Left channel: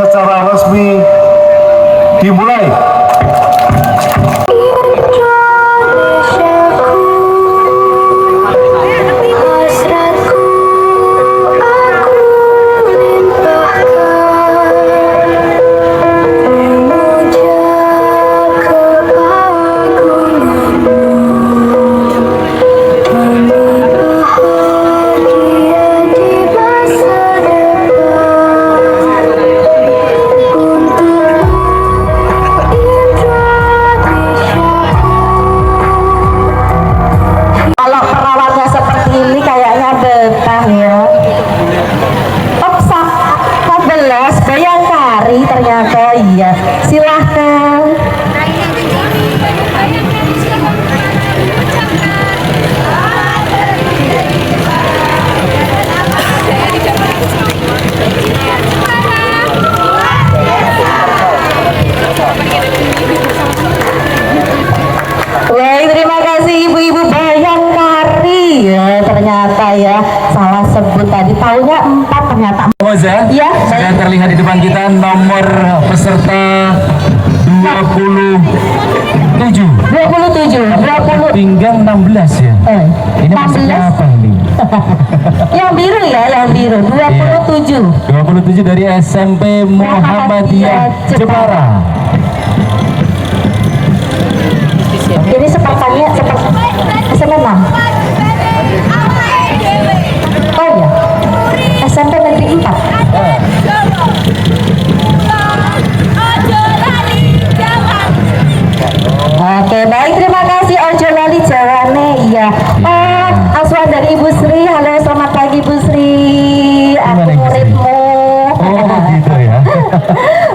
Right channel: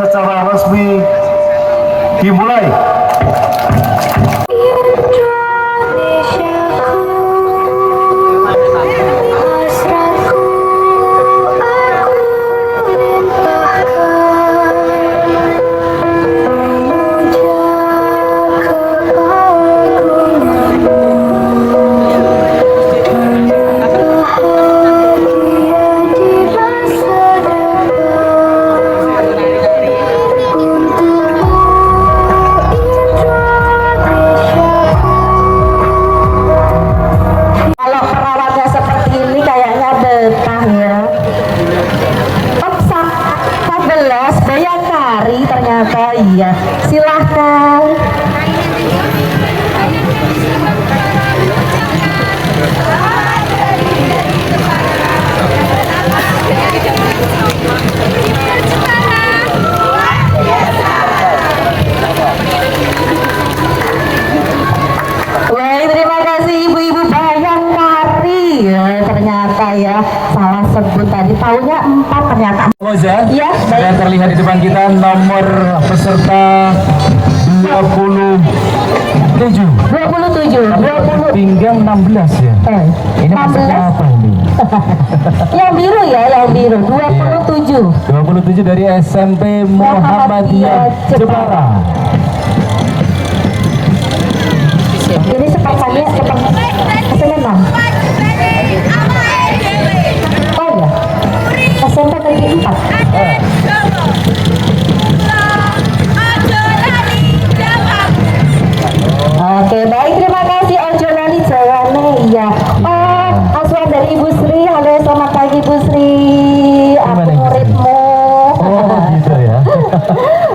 secara resmi dimulai. Iya, silahkan. Baik, terima kasih ibu-ibu Bayangkari. Ya, ternyata ya salah sebut tadi, tahunya 4 ternyata. Ya, sudah terlihat di depan kita nomor peserta 27 pinggang 16 ya. Ini maksudnya apa ini? Yang biru ya, yang biru 27 dari SMP Muhammadiyah Jepara. Ini sepasangnya semenang. Oh ya, SMP negeri 4. Oke, baik, terima kasih. Ojo lali jawane, iya. Aswan dari Ibu Sri. Halo, selamat pagi Ibu Sri. Aku muridmu. Oh gitu ya.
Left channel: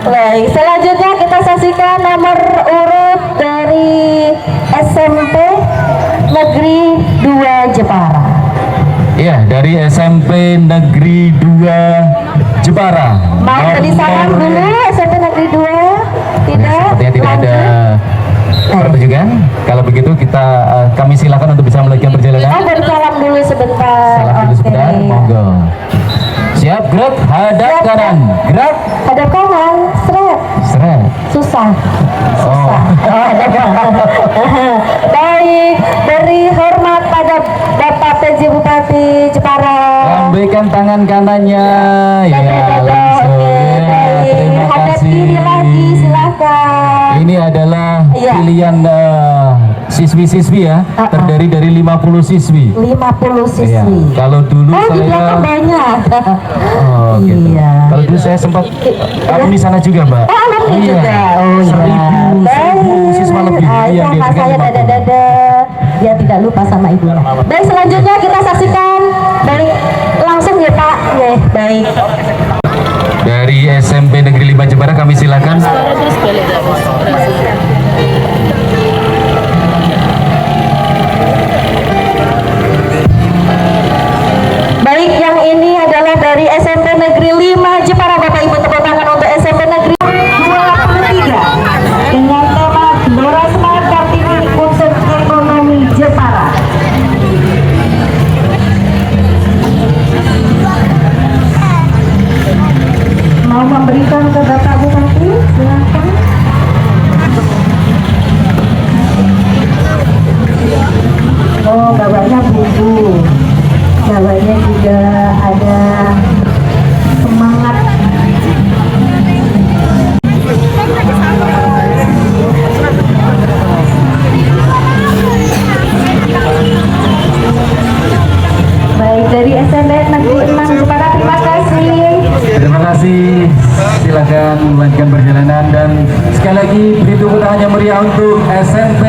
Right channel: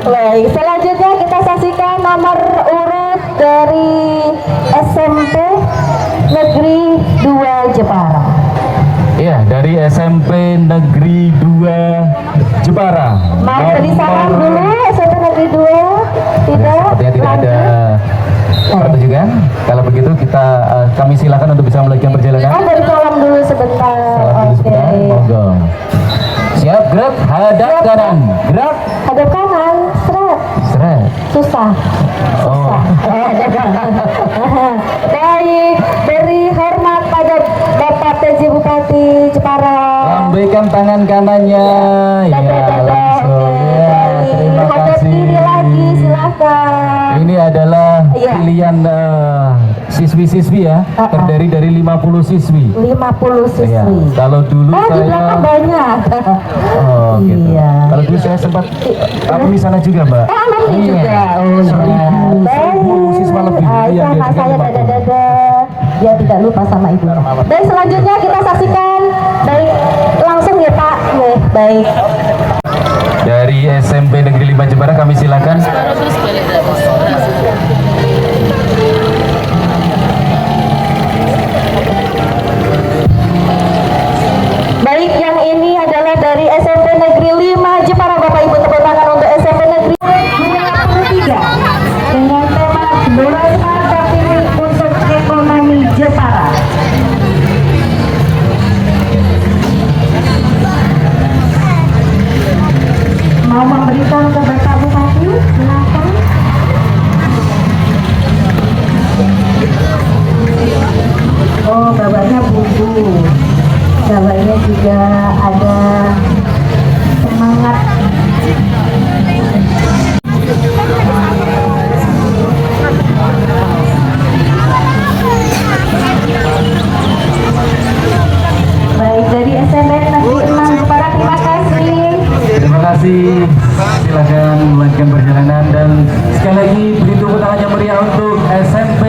Baik, selanjutnya kita saksikan nomor urut dari SMP Negeri 2 Jepara. Iya, dari SMP Negeri 2 Jepara. Mau tadi salam dulu SMP Negeri 2? Tidak? Sepertinya tidak ada pertunjukan. Kalau begitu kami silakan untuk bisa melanjutkan perjalanan. Ada salam dulu sebentar. Salam dulu sebentar, monggo. Siap, gerak, hadap kanan, gerak, Hadap kanan, seret. seret. Susah. Oh. Baik, beri hormat pada Bapak PJ Bupati Jepara. Lambaikan tangan kanannya. Ya, langsung. Ya, terima kasih. Lagi, silakan. Ini adalah pilihan siswi-siswi ya, terdiri dari 50 siswi. 50 siswi. Iya. Kalau dulu di saya belakang banyak. Oh, gitu. Iya. Kalau dulu saya sempat di sana juga, Mbak. Nanti Iya. juga. Oh, Seribu siswa lebih. Iya, sama saya dada-dada. Ya, tidak lupa sama ibu. Dan selanjutnya kita saksikan. Baik, langsung ya Pak. Ya, baik. Dari SMP Negeri 5 Jepara kami silakan. Baik, yang ini adalah dari SMP Negeri 5 Jepara. Bapak Ibu, tepuk tangan untuk SMP Negeri 23 dengan tema Gelora Semangat Kartini untuk Ekonomi Jepara. Mau memberikan ke Bapak Bupati, silakan. Oh, bawanya buku. Bawahnya juga ada semangat. Baik, dari SMN Negeri 6 Jepara, terima kasih. Terima kasih. Silakan melanjutkan perjalanan dan sekali lagi beri tepuk tangan yang meriah untuk SMP.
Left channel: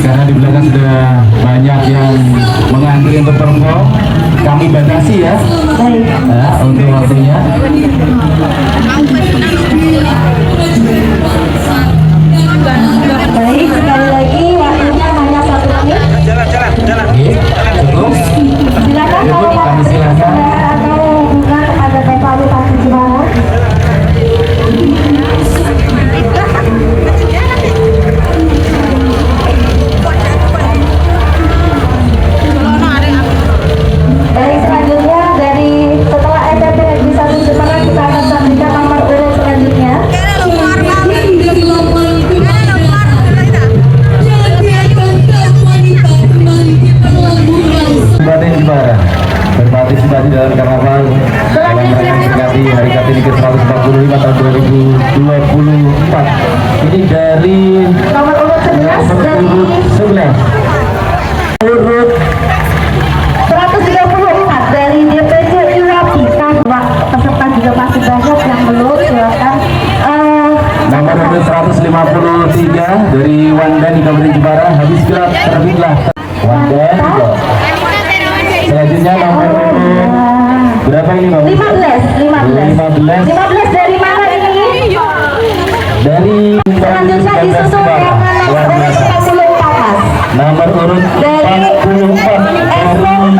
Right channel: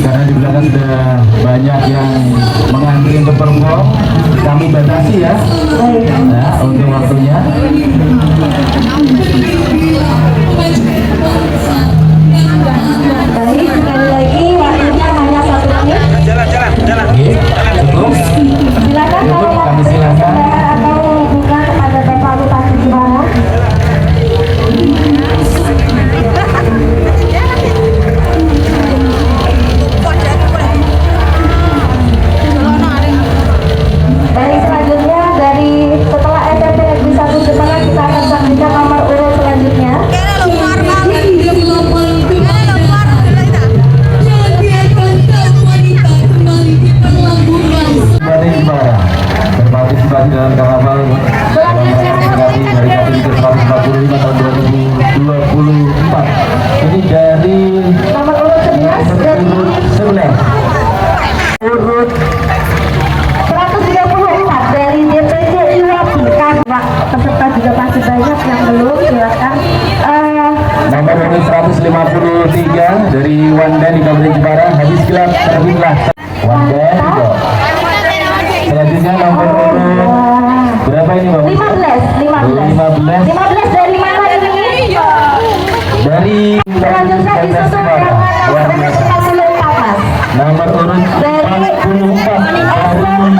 Karena di belakang sudah banyak yang mengantri untuk perform, kami batasi ya, untuk waktunya. 15 dari mana ini? dari Selanjutnya disusul dengan luar biasa. Nomor urut 44 dari SMP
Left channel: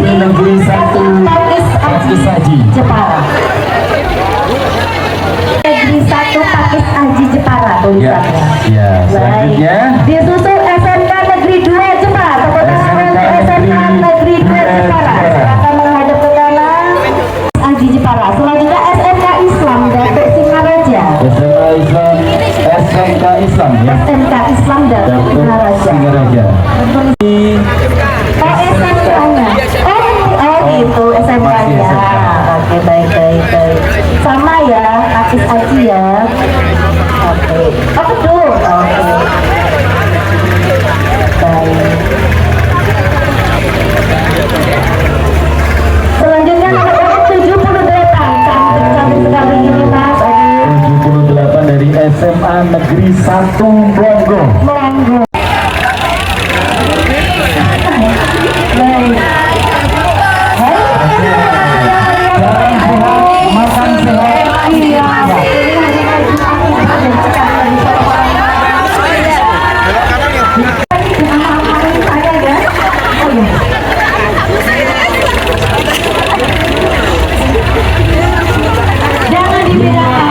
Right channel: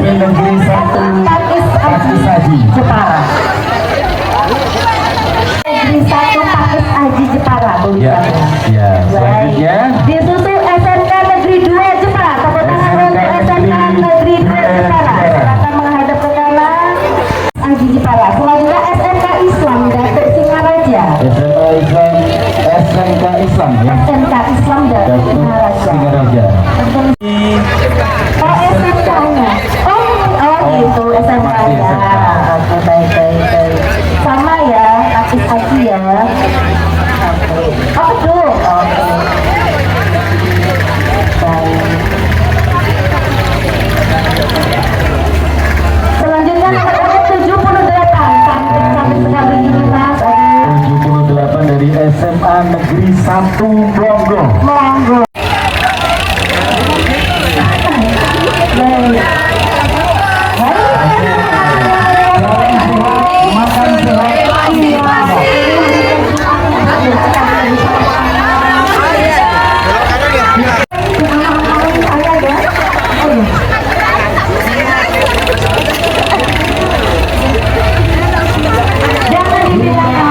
Negeri 1 Pakis Haji Jepara. Negeri 1 Pakis Haji Jepara ya, tulisannya. ya. Selanjutnya Disusul SMK Negeri 2 Jepara. Tepuk tangan untuk SMK Negeri 2 Jepara. Silakan menghadap ke kanan. Haji Jepara. Selanjutnya SMK Islam Datuk Singaraja. SMK Islam ya. SMK Islam Datuk Singaraja. Singaraja. SMK-nya. Oh gitu SMK-nya. Oke baik. Sama ya, Pakis Haji ya. Oke. Oh betul. Oke. Baik. Selanjutnya nomor 78. Cantik sekali ini Mas. 78 dari SMA Negeri 1 Blongo. Monggo. Jangan dibedakan.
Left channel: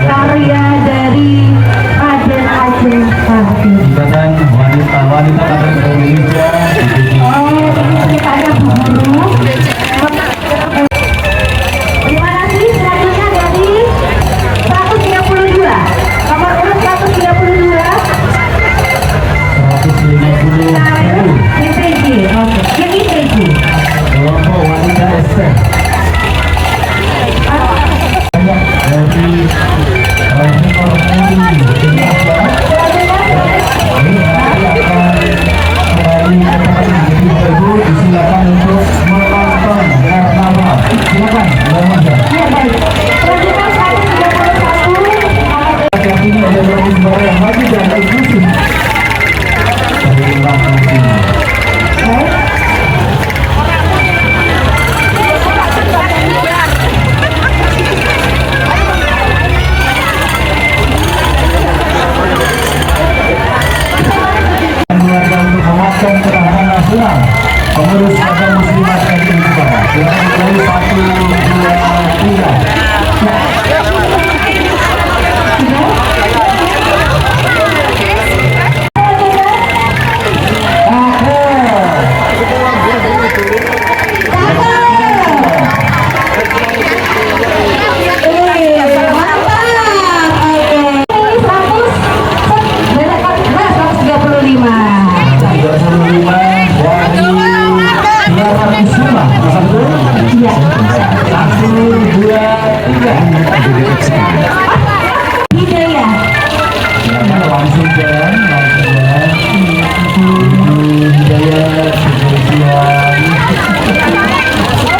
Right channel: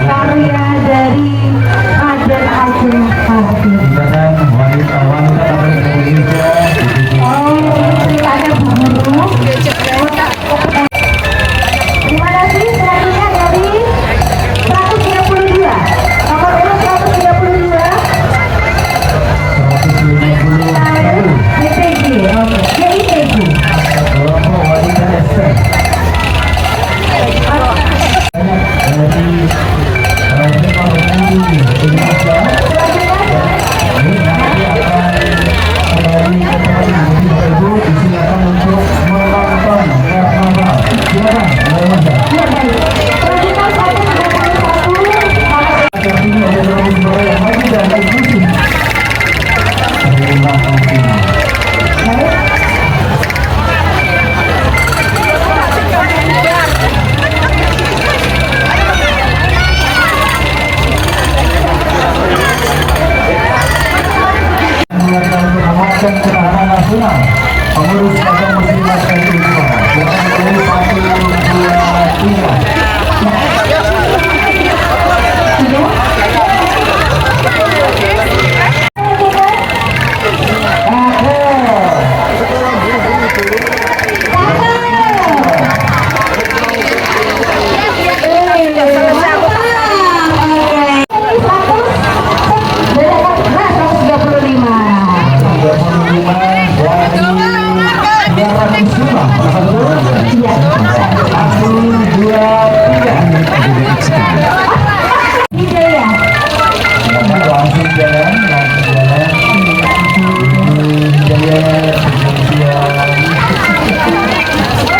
Karya dari Raden Ajeng Sarti. Dan wanita-wanita Indonesia. Ceritanya Bu Guru. Terima kasih. Selanjutnya dari 132. Nomor urut 132. 150 IPG. Oke. IPG. kelompok wanita STM. Dari Rektor Edi Indonesia. Ini nanti akan kembali ke tempat ini. Ibu disilakan untuk menonton karnaval. Silakan, Indonesia. Ya baik. Selanjutnya 131. Saat ini ada dua negara yang maju dan eksklusif. Terima kasih. Menguatkan ketahanan nasional pengurus agama muslimat NU Jepara dengan poin 1 Hidayah. Silakan langsung jalan, Hidayah spesial.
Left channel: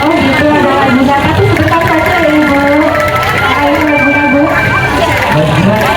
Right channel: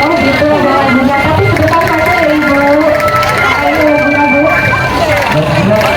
Oh gitu ada lagunya, tapi sebentar saja ya Ibu. Ayo lagu-lagu. Dari mana?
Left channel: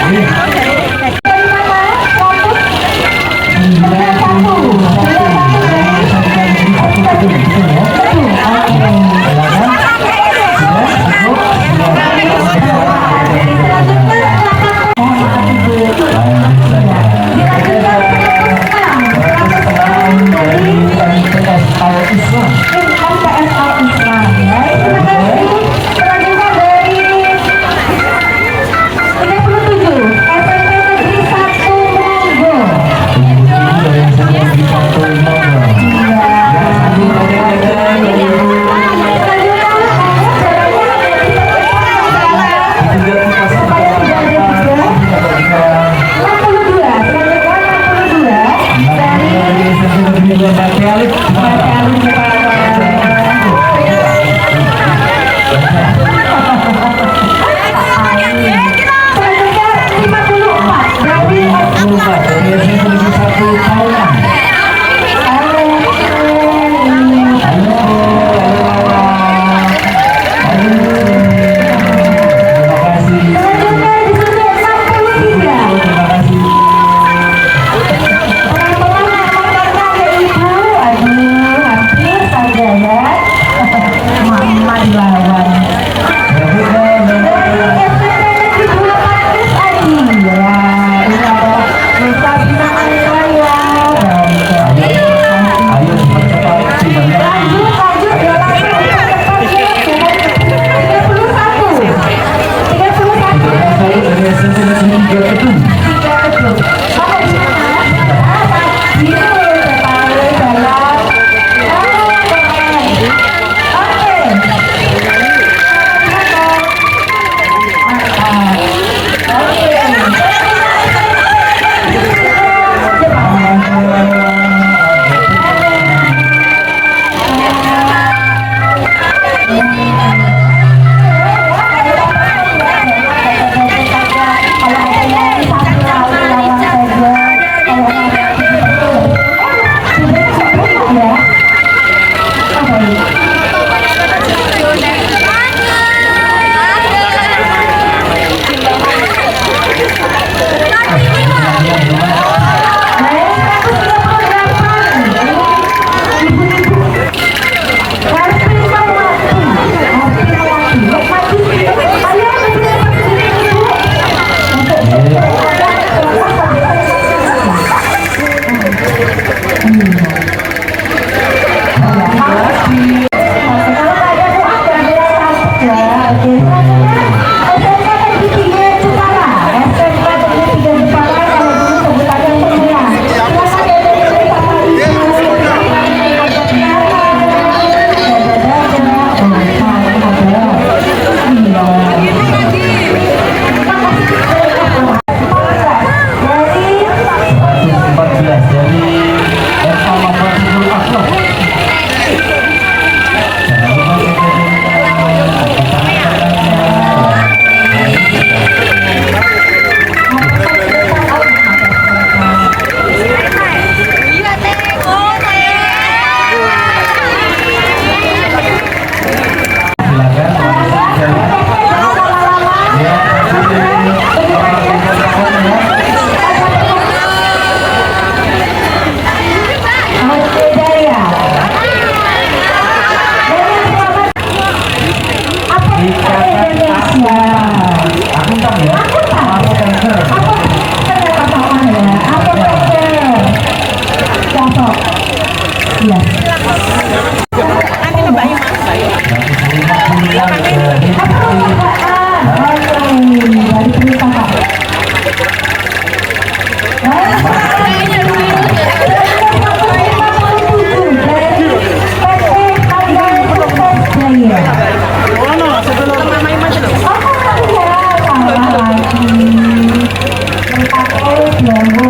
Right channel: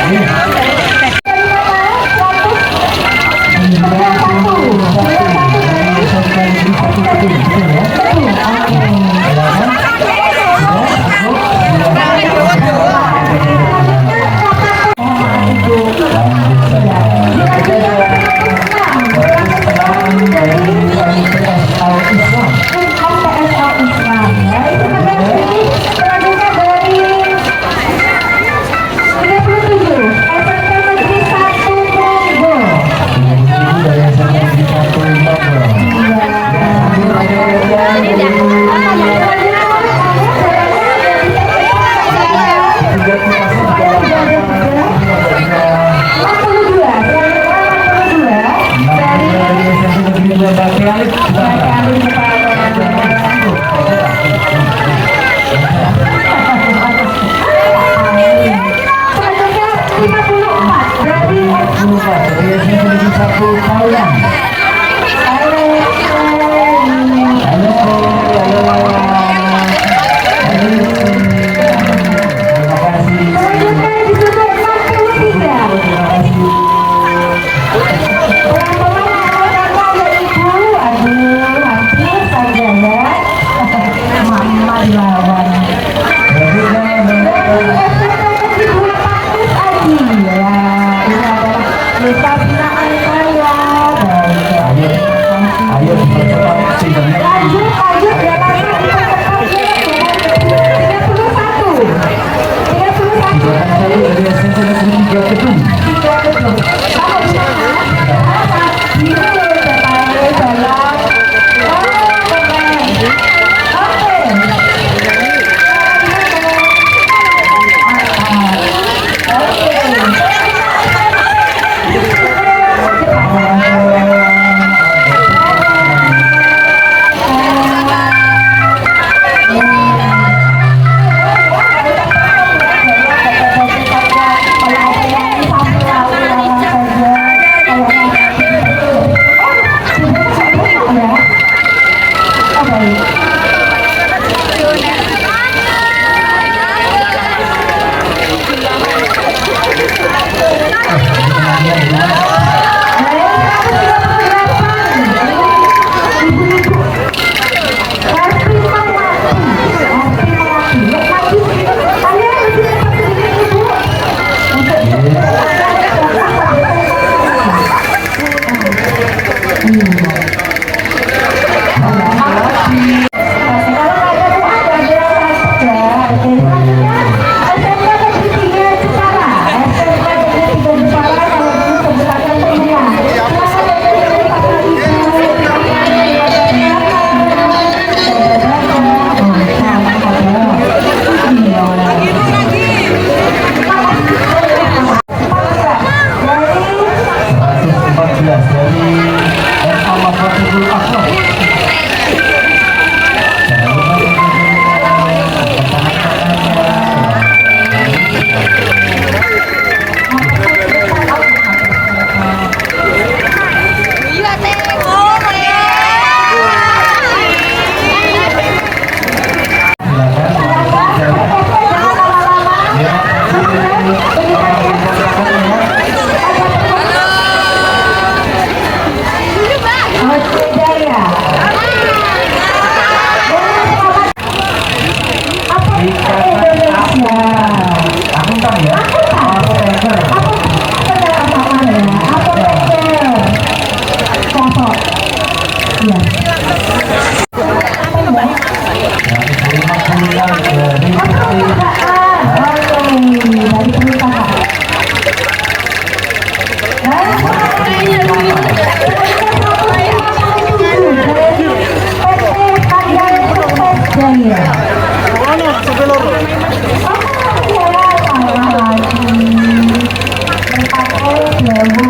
Ya, Bu.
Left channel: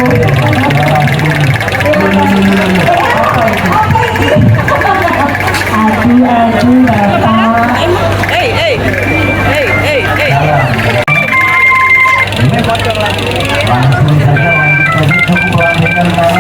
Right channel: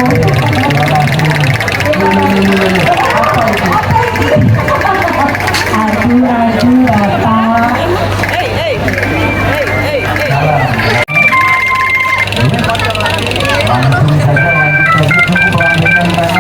Aduh, Bapak. Langsung saja lanjut pukulan dengan tangan.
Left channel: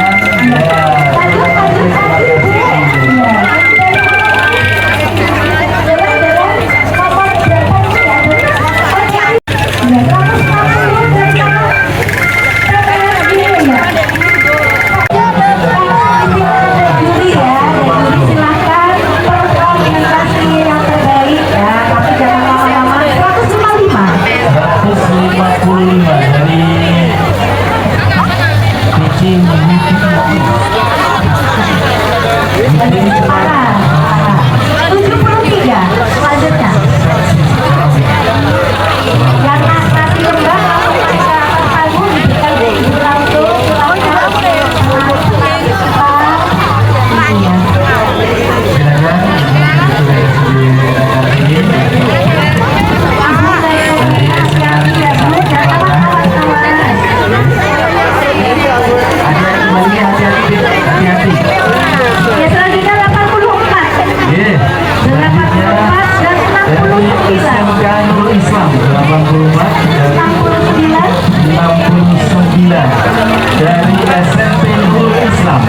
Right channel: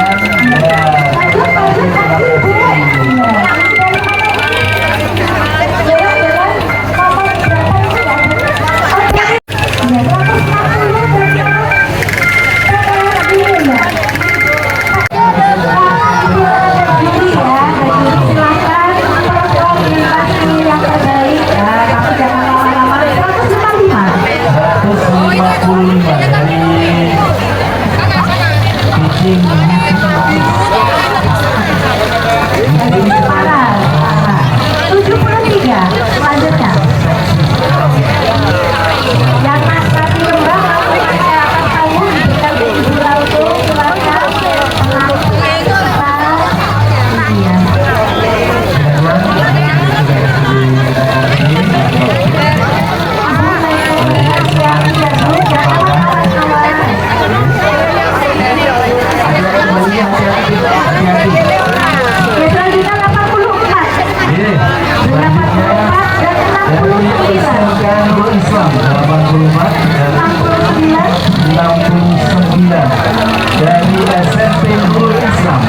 Dari SMP Nurul Islam.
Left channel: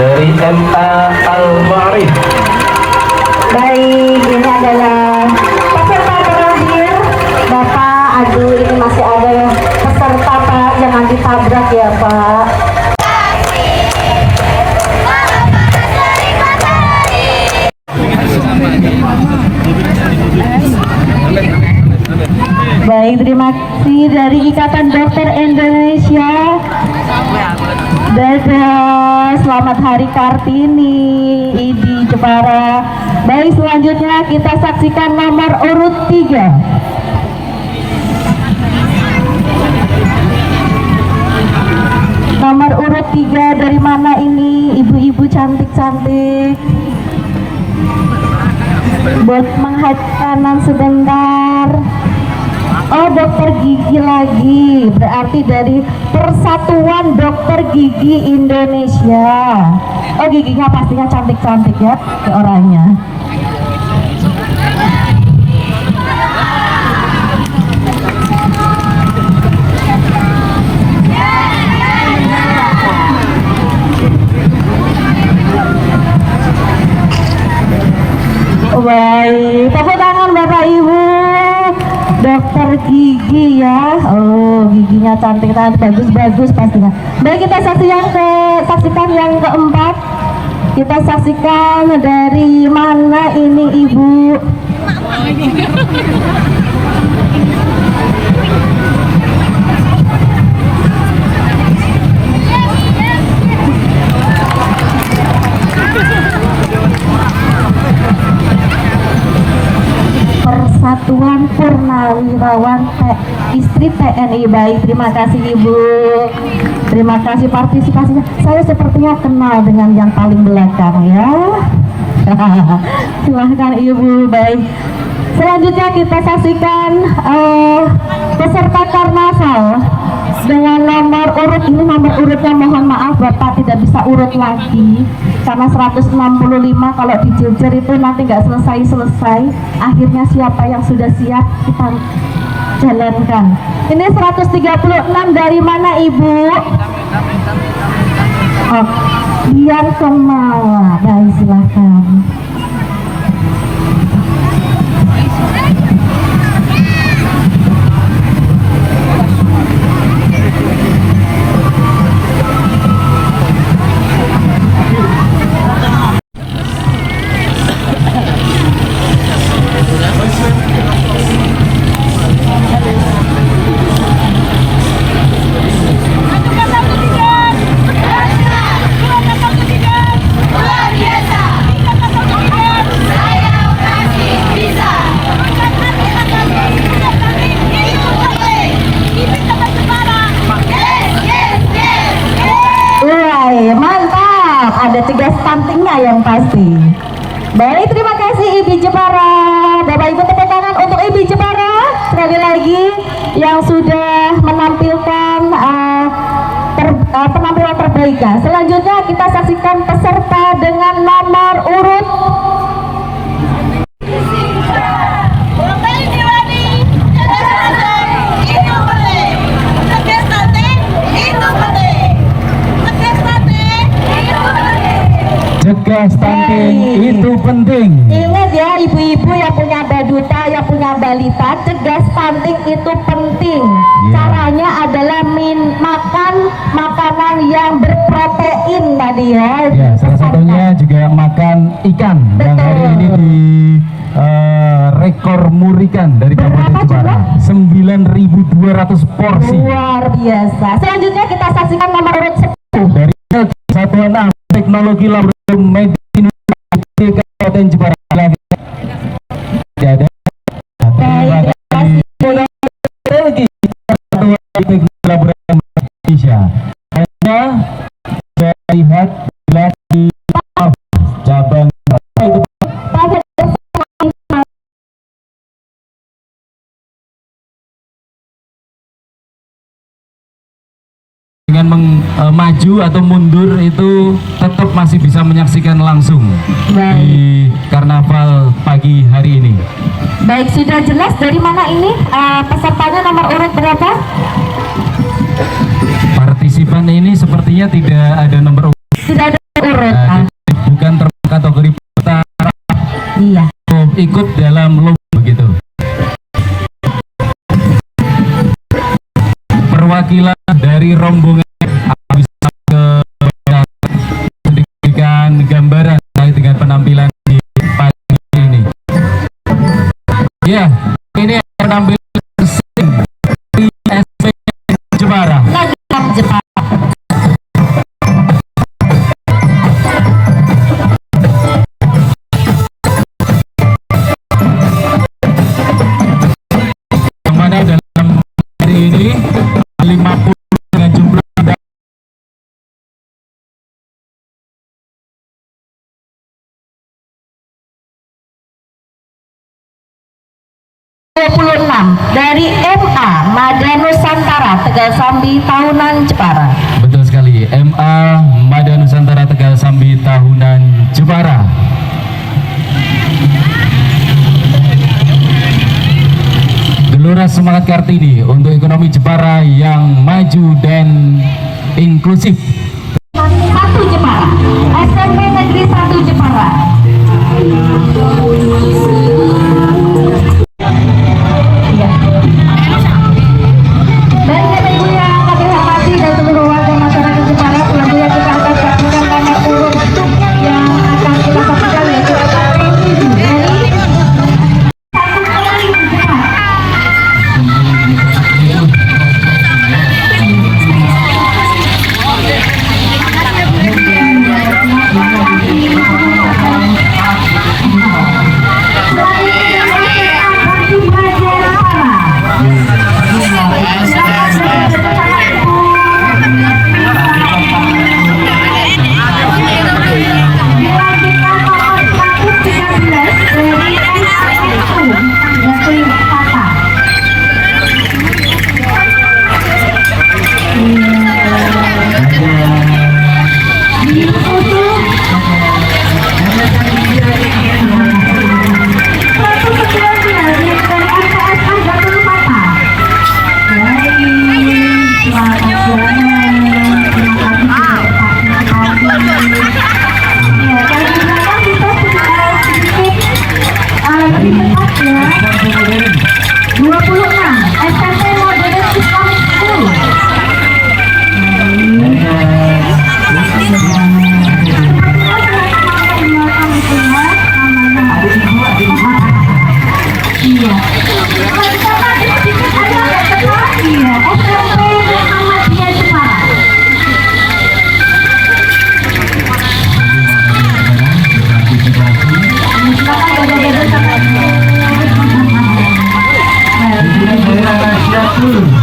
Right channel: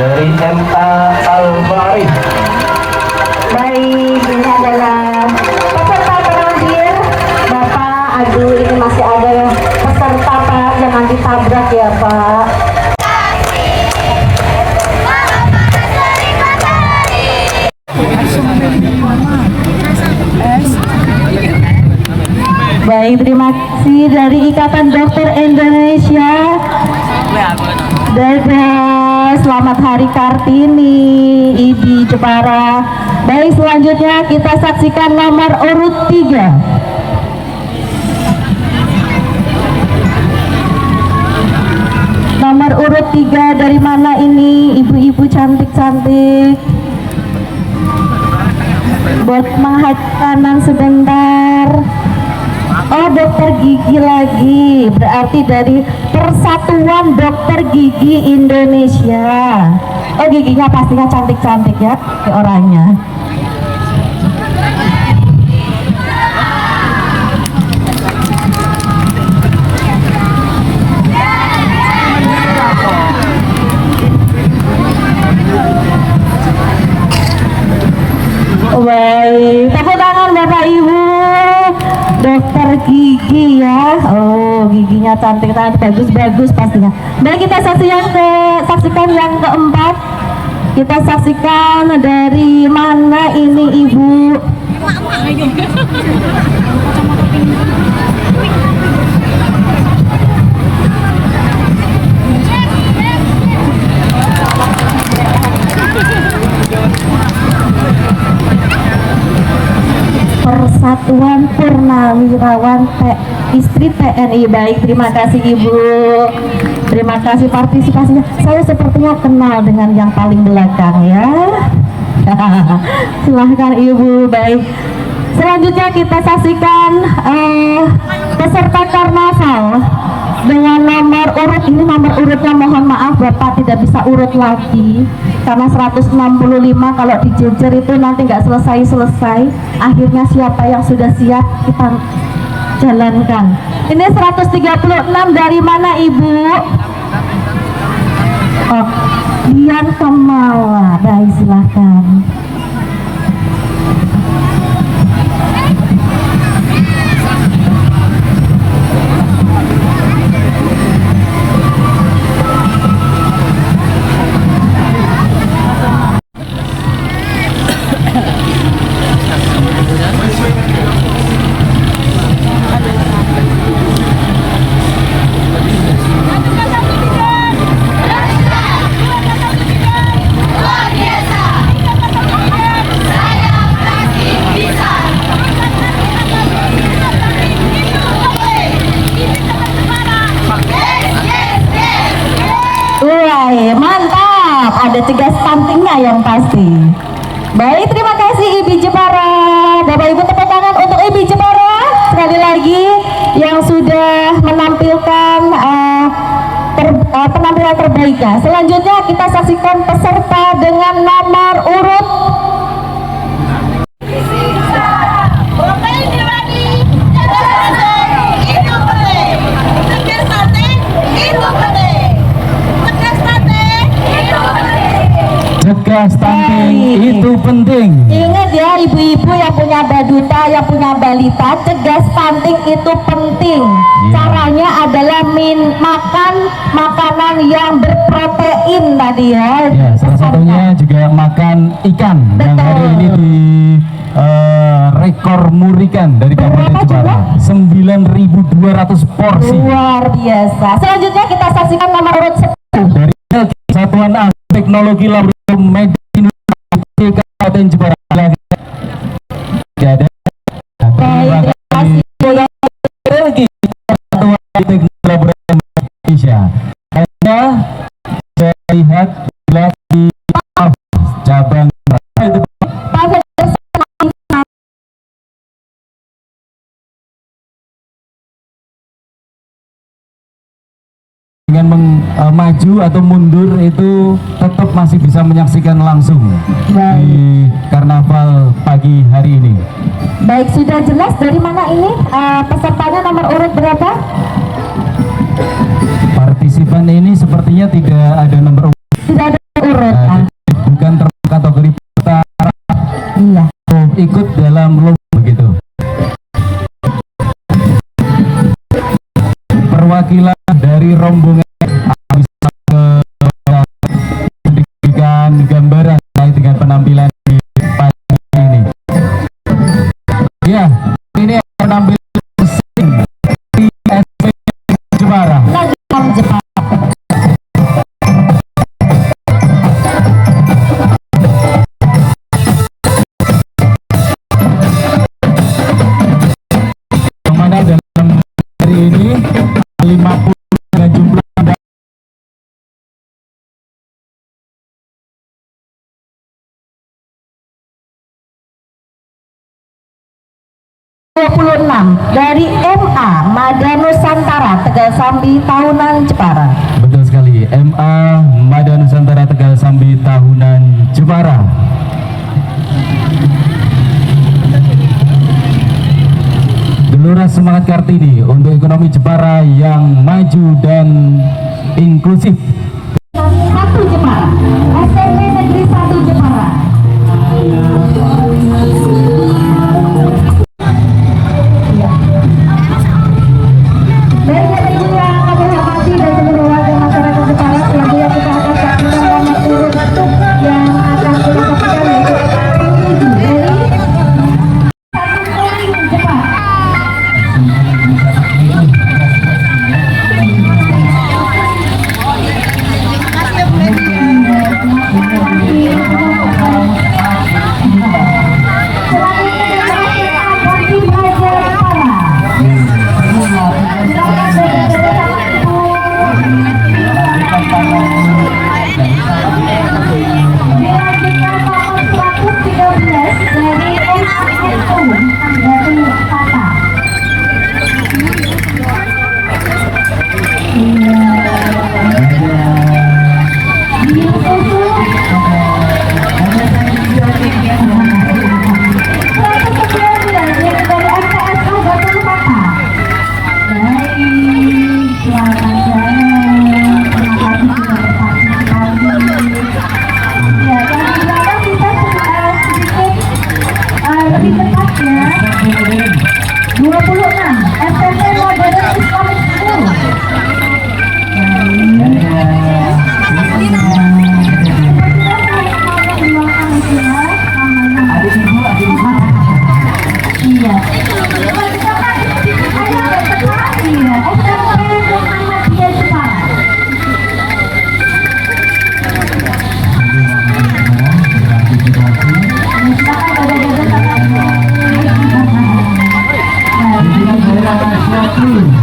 Dari MA Al-Ma'arif. Baik, ini adalah peserta terakhir. Bapak, aduh ini masih ada ya peserta Pak, jangan ditabrak ya Pak. Baik, terima kasih dari Ikatan Dokter Indonesia. Selamat Hari Kartini, Idi Jepara. Baik, selanjutnya kita saksikan nomor urut 3. Nomor urut 3 dari mana ini? Ibu-ibu cantik-cantik. Buat mahat kanan sebentar. Oh, dokter gigi lagi, berarti dari Persatuan Dokter Gigi Indonesia. Oh, giginya pastinya cantik-cantik ya orangnya. Baik, tepuk tangan Bapak Ibu. Dokter Gigi ya, oh giginya cantik, bagus pastinya. Baik, kita saksikan yang keempat. Kita saksikan dari mana ini Ibu? Persatuan Purnawirawan Istri TNI. Baik, terima kasih Ibu. Terima kasih partisipasinya. Saya sepertinya kenal dengan yang paling belakang ya. Silahkan Ibu. Baik. Selanjutnya kita saksikan peserta karnaval dengan nomor urut. Ini nomor urutnya, mohon maaf Bapak tidak bisa urut lagi karena 165 kalau dijejer itu nanti nggak selesai. Akhirnya siapa yang sudah siap kita jalankan. Ini 136 dari mana Ibu? Oh, Bian Kemawa. Baik, silahkan. Ada cegah stuntingnya yang pasti. Baik, terima kasih Ibu Jepara. Bapak Ibu, tepuk tangan untuk Ibu Jepara sekali lagi yang sudah menampilkan penampilan terbaiknya. Selanjutnya kita saksikan peserta dengan nomor urut stunting itu penting. Ingat ya ibu-ibu yang punya baduta, yang punya balita, cegah stunting itu penting. Caranya adalah makan makanan yang berprotein tadi ya. Salah satunya juga makan ikan. Yang hari ini di rekor murikan dari Kabupaten Jepara 9.200 porsi. Luar biasa. Selanjutnya kita saksikan nomor urut 10 dari Satuan Teknologi Laboratorium Medis Kabupaten Jepara. Ada Teknologi Laboratorium Indonesia. Hanya saya lihat lagi cabang dengan maju atau mundur itu tetap masih bisa menyaksikan langsung di karnaval pagi hari ini. Baik, sudah jelas dari mana ini pesertanya nomor urut berapa? Partisipan ini sepertinya tidak ada nomor urut. Tidak ada urut. Bukan terkategori pertama. Iya. Ikut dalam lomba gitu. Perwakilan dari rombongan bisa memberikan gambaran terkait dengan penampilan di pagi ini. Ya, ini penampilan di SV Jepara. Yang mana dalam hari ini 50 dengan jumlah 26 dari MA Mada Nusantara Tegal Sambi Tahunan Jepara. Betul sekali, MA Mada Nusantara Tegal Sambi Tahunan Jepara. Gelora Semangat Kartini untuk ekonomi Jepara yang maju dan inklusif. 1 Jepara, SMP Negeri 1 Jepara. Ya.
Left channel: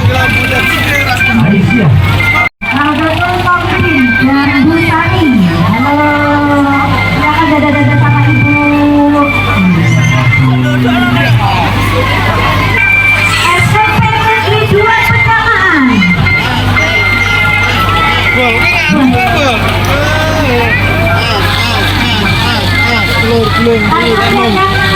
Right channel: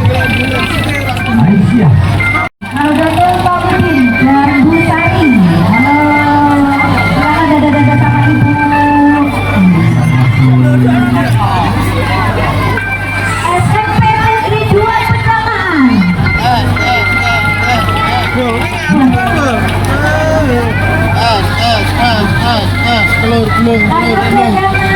Aisyah. Alberto Pabri dan Bu Sari. Halo, silakan dada-dada sama ibu. SMP Negeri 2 Pecahan. Telur. Lanjut ya,